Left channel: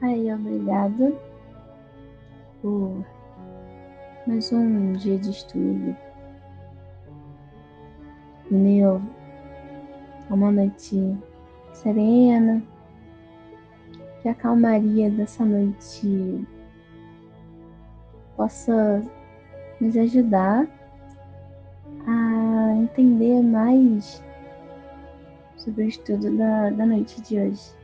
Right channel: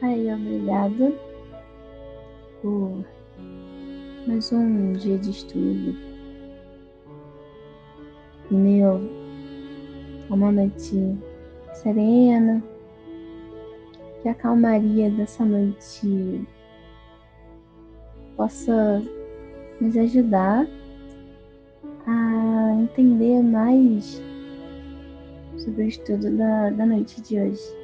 Pai, obrigada por mais um dia de estudo. Em meio a uma noite serena, que a calmaria dessa noite possa nos ajudar a entender mais sobre o estudo da noite de hoje.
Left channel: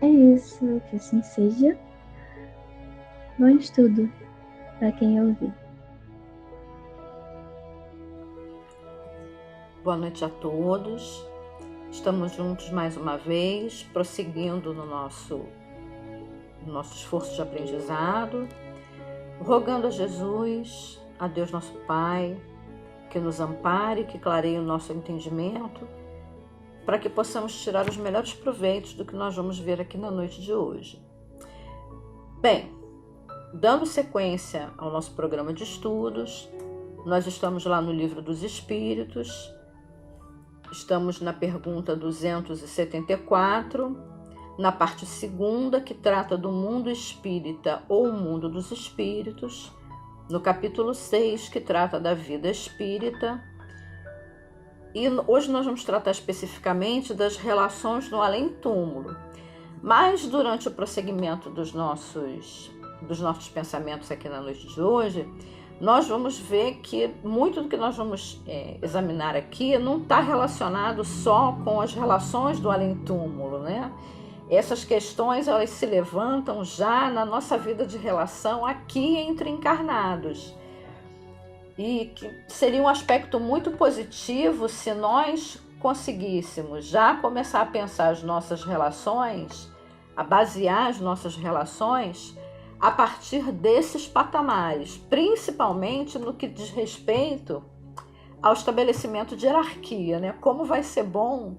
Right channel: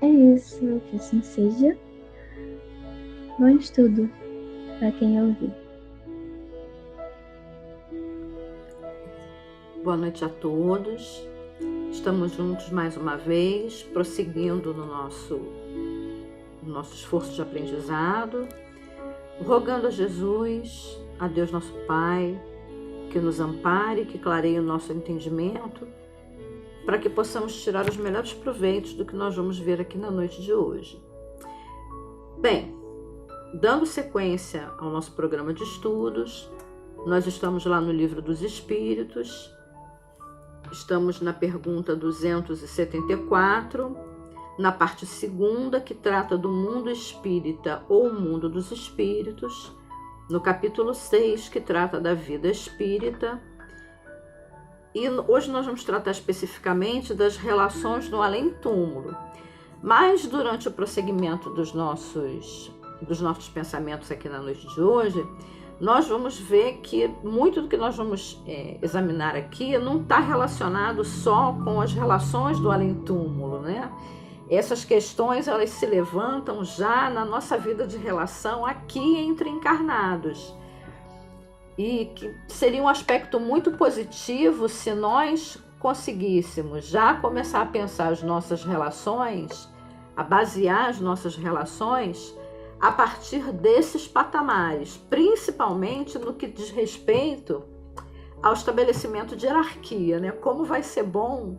É isso, que assim seja. Bom estudo para quem ouvir. Boa noite a todos. Estamos juntos mais uma vez, prosseguindo no nosso esforço de aprendizado, rogando a Jesus, a Deus nosso Pai, que nos ampare, que clareie o nosso entendimento, para que possamos tirar os melhores proveitos do que nós vamos ver aqui na noite de hoje. Bem, dando sequência ao nosso programa de estudos, nós estamos lá no Livro dos Espíritos, estamos na pergunta 274, na parte segunda, que trata do mundo espírita ou o mundo dos espíritos, no capítulo 6, que trata da vida espírita. E hoje nós vamos tratar especificamente das relações no além-túmulo. Mas durante o prosseguimento dos nossos pensamentos aqui na noite de hoje, nós vamos ver que muito do que nós vamos examinar aqui não está relacionado só com as relações do além-túmulo, né? Essas questões, elas se levantam já na nossa vida de relação aqui entre encarnados. E que seria um aspecto muito positivo se nós conseguíssemos já começar a pensar as nossas relações, a basear as nossas relações a partir desses patamares, principalmente no que diz respeito ao estabelecimento de hierarquia, né? Como vai ser bom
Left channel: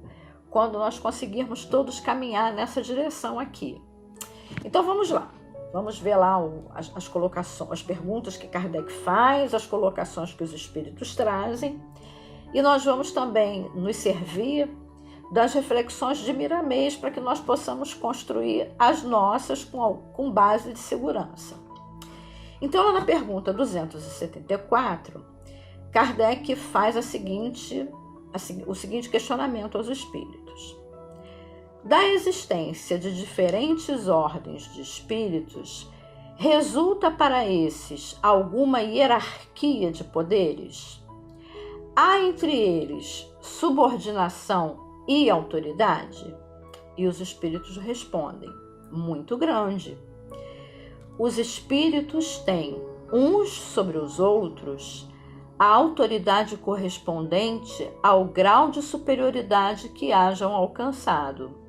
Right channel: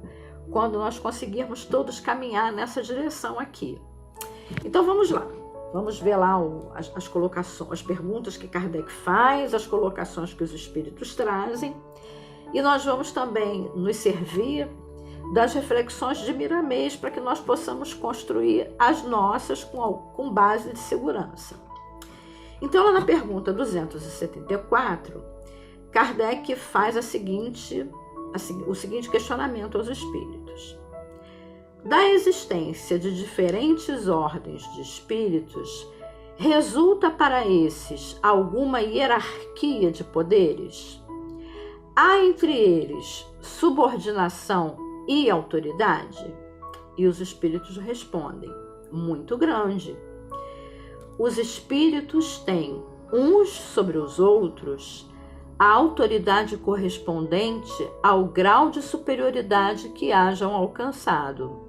quando nós conseguirmos todos caminhar nessa direção aqui. Então vamos lá, vamos ver lá as colocações, as perguntas que Kardec faz, as colocações que os espíritos trazem, e nós vamos também nos servir das reflexões de Miramês para que nós possamos construir as nossas com base de segurança. Então, lá na pergunta 274, Kardec faz o seguinte questionamento aos espíritos. Da existência de diferentes ordens de espíritos, resulta para esses alguma hierarquia de poderes? Há entre eles subordinação e autoridade? E os espíritos respondem: muito grande. Os espíritos têm, uns sobre os outros, a autoridade correspondente ao grau de superioridade que hajam alcançado.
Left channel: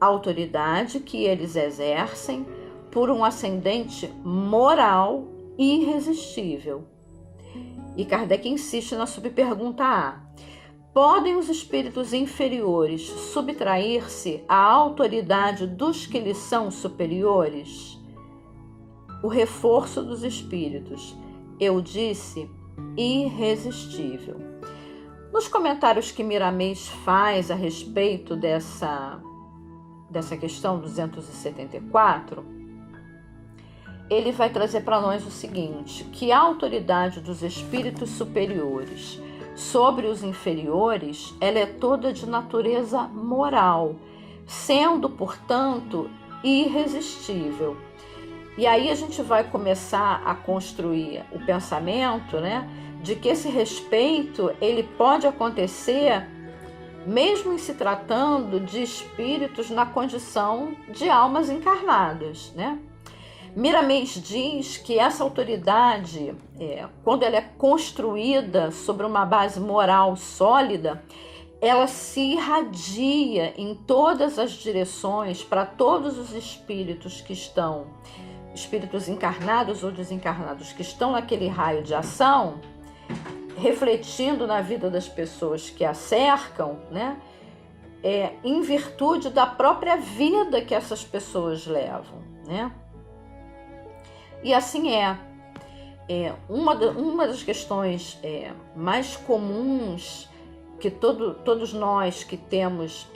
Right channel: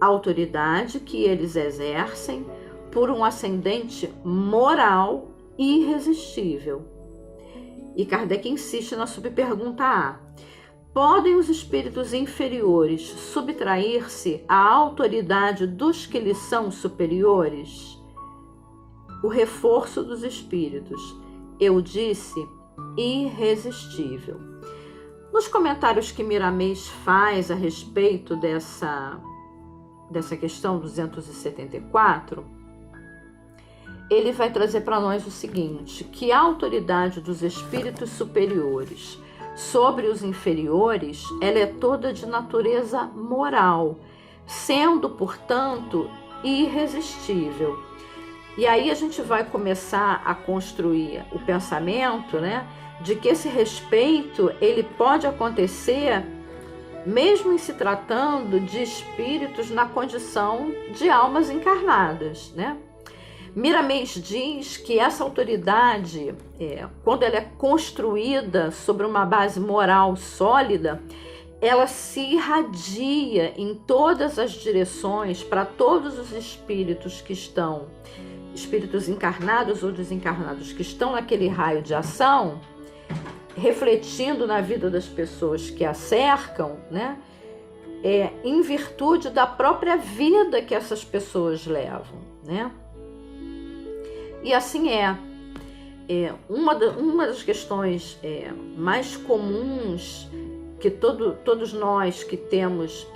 Autoridade que eles exercem por um ascendente moral irresistível. E Kardec insiste na subpergunta A. Podem os espíritos inferiores subtrair-se à autoridade dos que lhes são superiores? O reforço dos espíritos, eu disse, irresistível. Nos comentários que Miramês faz a respeito dessa questão 274, ele vai trazer para nós o seguinte, que a autoridade dos espíritos superiores sobre os inferiores, ela é toda de natureza moral, sendo, portanto, irresistível. E aí a gente vai começar a construir o pensamento, né, de que esse respeito ele pode acontecer mesmo em se tratando de espíritos na condição de almas encarnadas, né? Miramês diz que essa autoridade, quando ela é construída sobre uma base moral sólida, ela se irradia em todas as direções para todos os espíritos que estão, espíritos encarnados ou desencarnados, que estão naquele raio de ação, refletindo na vida das pessoas que a cercam, né? Em virtude da própria vida que essas pessoas levam, né? E assim uma das questões mais comuns que todos nós que temos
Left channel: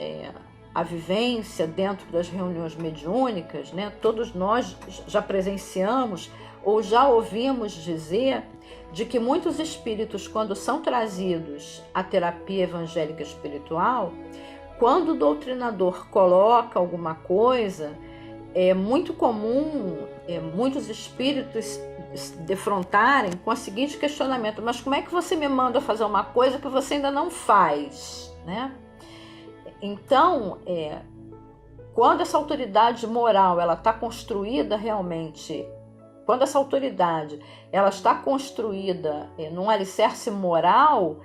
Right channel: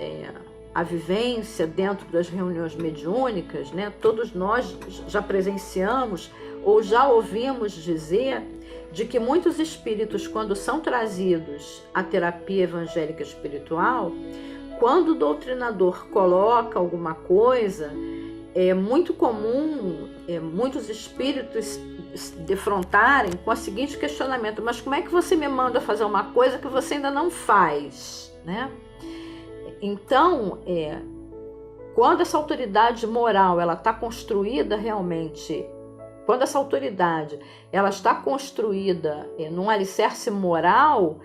a vivência dentro das reuniões mediúnicas, né? Todos nós já presenciamos ou já ouvimos dizer de que muitos espíritos, quando são trazidos à terapia evangélica espiritual, quando o doutrinador coloca alguma coisa, é muito comum muitos espíritos se defrontarem com o seguinte questionamento: mas como é que você me manda fazer uma coisa que você ainda não faz, né? Então, quando essa autoridade moral ela está construída realmente, quando essa autoridade ela está construída num alicerce moral,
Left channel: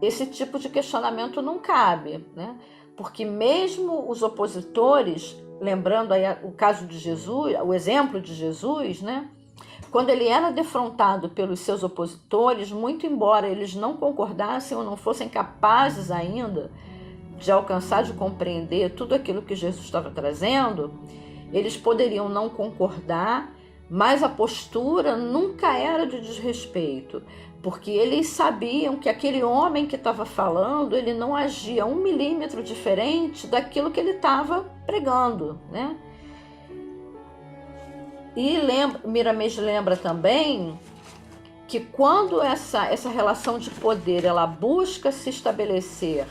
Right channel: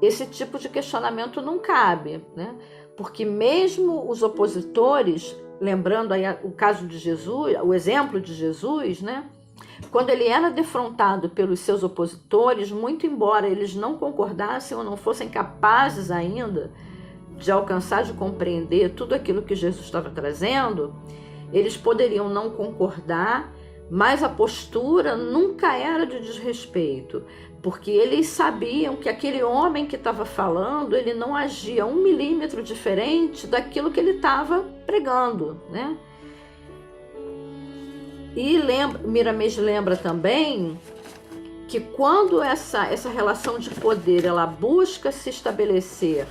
esse tipo de questionamento não cabe, né? Porque mesmo os opositores, lembrando aí o caso de Jesus, o exemplo de Jesus, né? Quando ele era defrontado pelos seus opositores, muito embora eles não concordassem ou não fossem capazes ainda de alcançar, de compreender tudo aquilo que Jesus estava trazendo, eles poderiam não concordar, mas a postura nunca era de desrespeito, porque eles sabiam que aquele homem que estava falando, ele não agia 1 milímetro diferente daquilo que ele estava pregando, né? E Miramês lembra também que quando essa relação de poder ela busca se estabelecer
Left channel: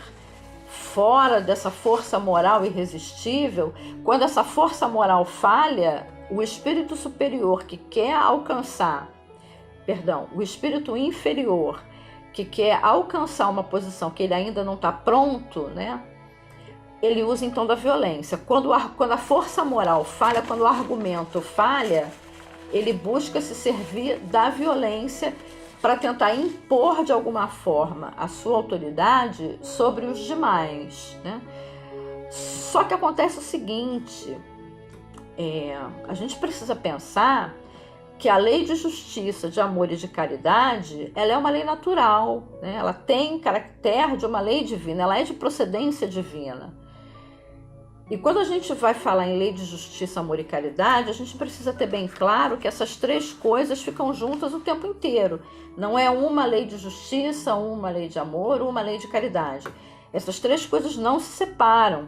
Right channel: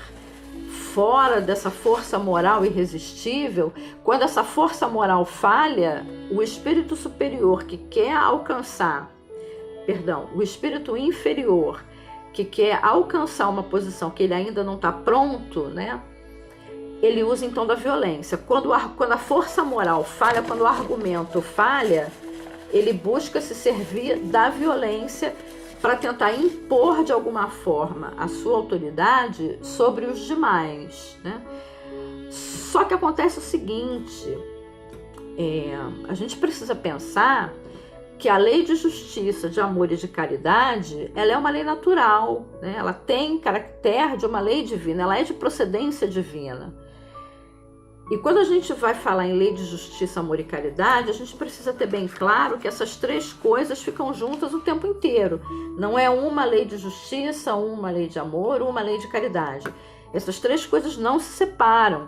fora dessa força moral irresistível, quando essa força moral falha, o espírito superior que quer alcançar, o espírito inferior que quer alcançar uma posição que ele ainda não está pronto, né? Ele usa então da violência. Quando a força moral falha, quando o argumento falha, ele busca se servir da violência para tentar impor de alguma forma a sua autoridade sobre os demais, né? Só que acontece o seguinte, a gente precisa pensar que a lei de justiça, de amor e de caridade, ela é uma lei natural, né? Ela tem caráter de uma lei divina, ela é de procedência divina. E quando a gente vai falar em lei de justiça, amor e caridade, a gente precisa ter bem claro que essas três coisas ficam juntas o tempo inteiro. Não é uma lei de justiça, uma lei de amor, uma lei de caridade. Essas três coisas não se separam.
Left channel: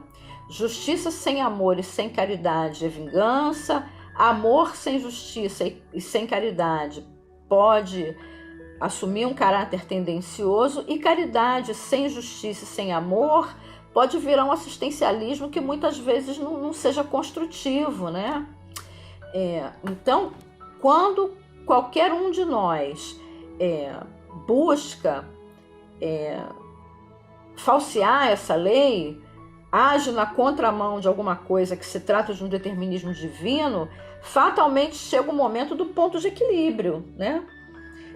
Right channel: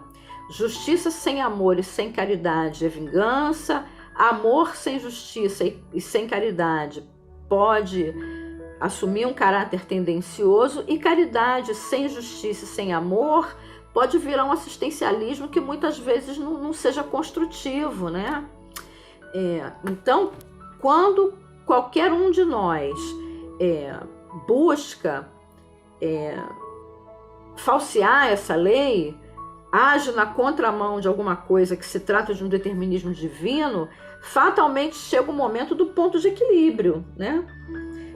Justiça sem amor e sem caridade é vingança. Amor sem justiça e sem caridade pode assumir um caráter tendencioso. E caridade sem justiça e sem amor pode virar um assistencialismo que muitas vezes não seja construtivo, né? Então, quando qualquer um de nós busca falsear essa lei, age na contramão de alguma coisa que se trata de um determinismo divino, fatalmente chega o momento do ponto de equilíbrio, né?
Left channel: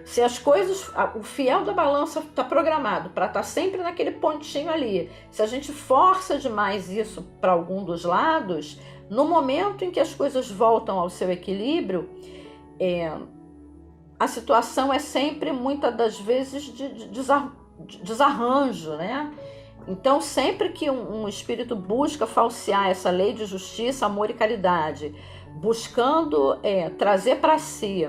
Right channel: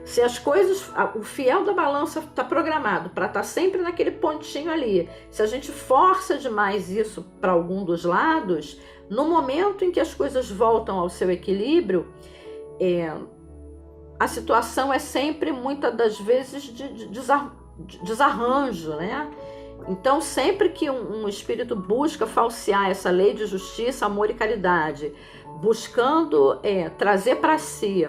Se as coisas, o fiel da balança está programado para estar sempre naquele pontinho ali, se a gente força demais isso para algum dos lados, no momento em que as coisas voltam ao seu equilíbrio, a situação é sempre, muitas das vezes, de desarranjo, né? Então, sempre que um espírito busca falsear essa lei de justiça, amor e caridade, buscando trazer para si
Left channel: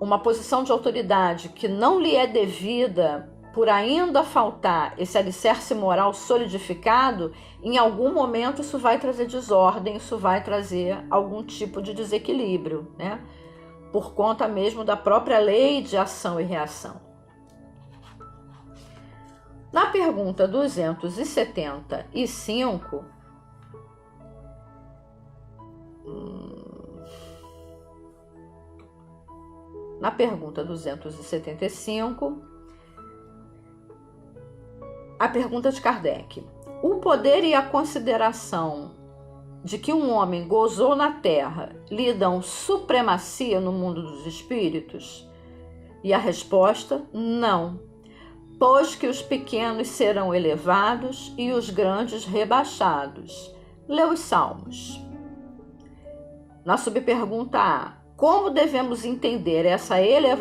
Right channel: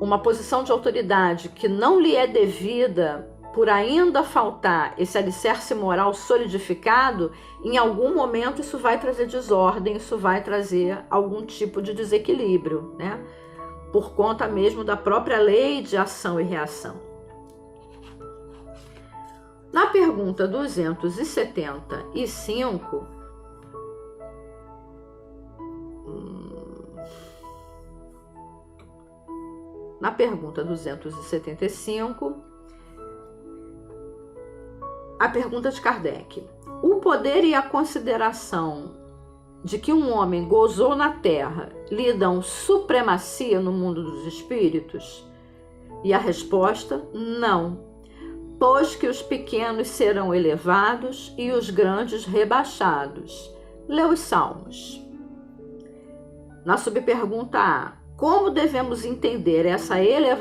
uma posição de autoridade que não lhe é devida, por ainda faltar esse alicerce moral solidificado, em algum momento isso vai trazer desordem, isso vai trazer algum tipo de desequilíbrio, né? Por conta mesmo da própria lei de ação e reação. Na pergunta 275, na pergunta 275, a pergunta de Kardec: o poder e a consideração de que um homem gozou na Terra lhe dão supremacia no mundo dos espíritos? E a resposta: não, pois que os pequenos serão elevados e os grandes rebaixados. Lê os Salmos. Na subpergunta A: como devemos entender essa elevação